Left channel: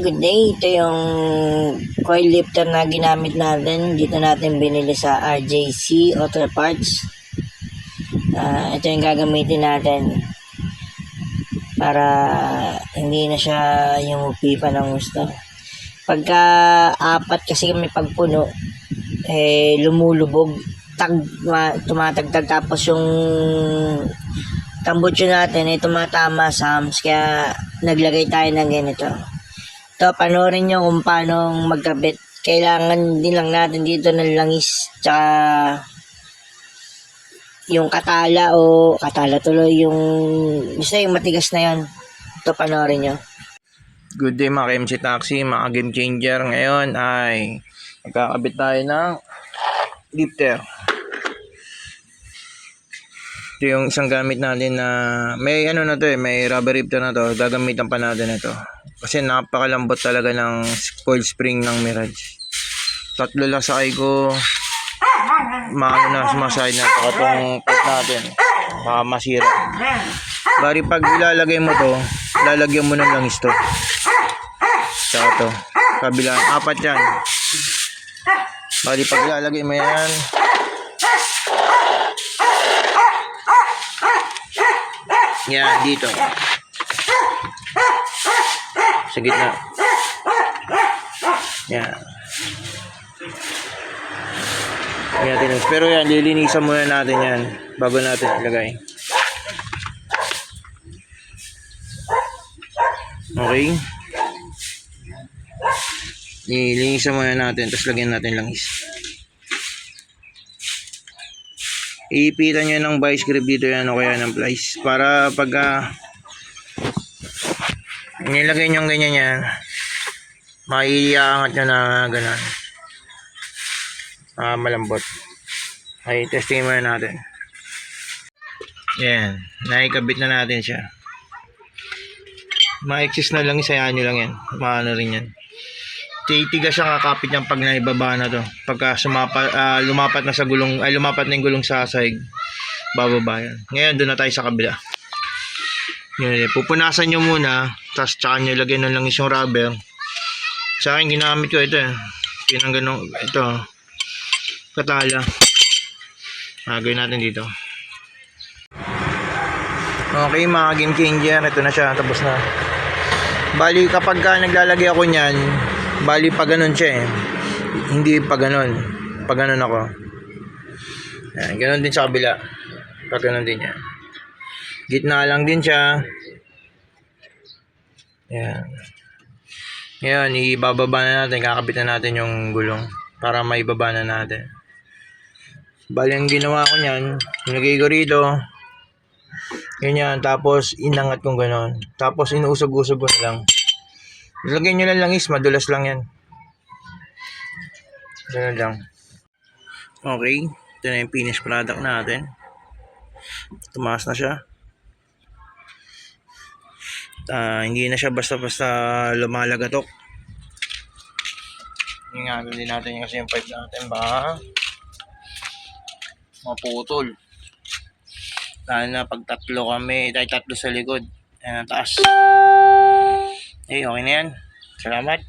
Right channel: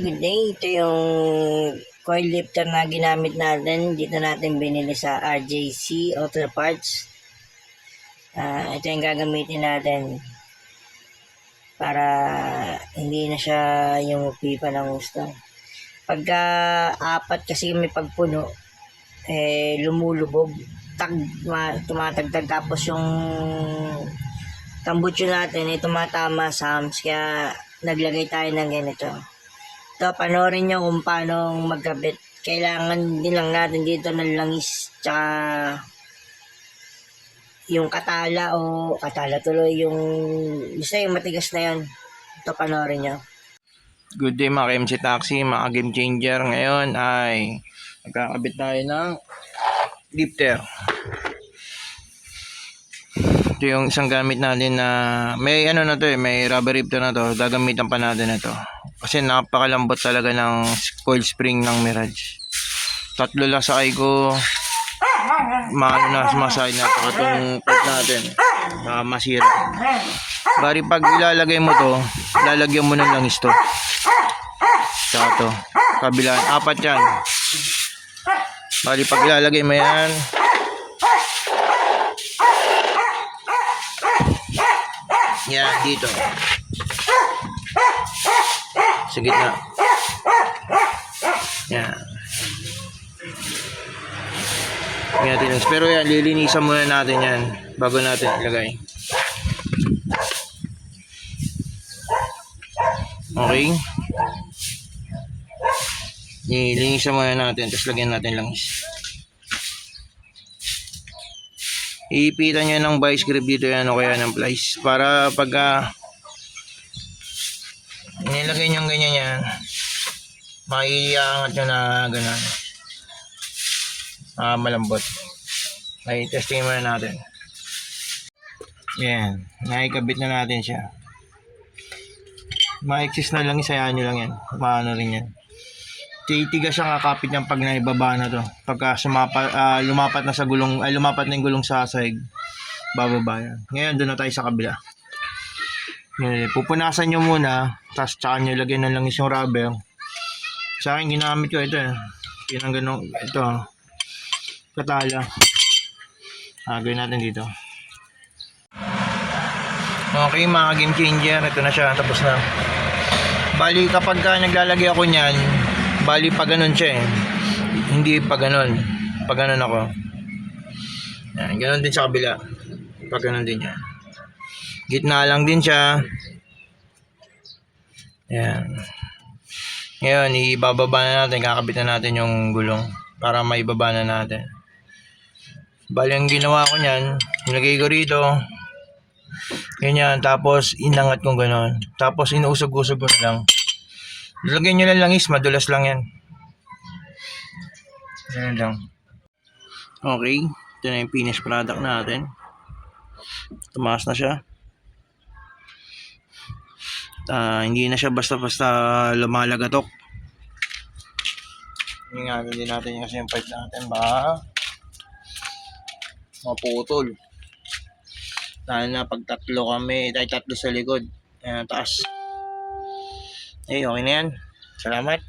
good day. Ito yung coil lifter na ginamit natin. Dito natin binili sa RJC Auto Parts. Ito yung gagamitin natin para hindi na siya yung pipa ng gusto. Pagka apat kasi kami pagpuno, lumulubog, tumatagtag, tapos yung tambutso natin ay tumatama sa hams, kaya naglagay tayo ng ganito. Ito, panoorin nyo kung paano magkabit. Kailangan din lang natin dito ng langis, tsaka yung katala tuloy, yung basta yung matigas na yan. Ito, panoorin nyo. Good day mga KMC Taxi, mga game changer. Ngayon ay magkakabit tayo ng lifter. Ito yung isang gamit natin na may may rubber lifter na to. Gagamitan pa natin ito kasi napakalambot talaga ng coil spring ng Mirage. Tatlo lang sakay ko, sumaside na ito itong part natin, masira. Bari pag ilalagay mo to, lalagyan mo ng langis to. Saka to, kabilaan, apat yan. Bali pag ilalagay mo yan, yan dito sa gitna, yan. Pero yan, lilinisan muna natin yan bago natin ilagay. Okay, lilinisan muna natin, tapos lagyan natin langis. Iipitan nyo ng vice grip dito yan o kaya ng plies para pagka nilagay nyo ganyan yan, maiiangat nyo na gano'n, malambot. Ay, testing muna natin. Yan, naikabit na natin siya. Ma-exist na lang, isayaan nyo lang yan, maano rin yan. Titigas siya, kakapit niyang pag naibaba na to. Pagka lumapat na sa gulong, lumapat na yung gulong sa sahig, bababa yan. Ngayon doon na tayo sa kabila. Yan, pupunasan nyo muna, tapos tsaka nyo lagyan ng langis yung rubber. Sa akin ginamit ko ito, pinangganong ito, katala. Gawin natin dito. Okay mga game changer, ito na siya, tapos na. Bali kapag naglalagay ako niyan, bali pa ganun siya hindi pa ganun, pag ganun ako. Yan, ganun din sa kabila, pag ganun din yan. Gitna lang din siya. Yan. Ngayon ibababa na natin, kakabit na natin yung gulong para maibaba na natin. Bali ang ginawa ko niyan, nilagay ko rito ganyan, tapos inangat kong ganun, tapos inuusog-usog ko na lang. Lagyan nyo lang langis, madulas lang yan. Ganun lang. Okay, ito na yung finished product natin. Tumaas na siya. Hindi na siya basta-basta lumalagatok. Ingatan din natin kasi yung pipe natin, baka maputol. Dahil na pag tatlo sa likod, ayan, taas. Okay na yan. Salamat.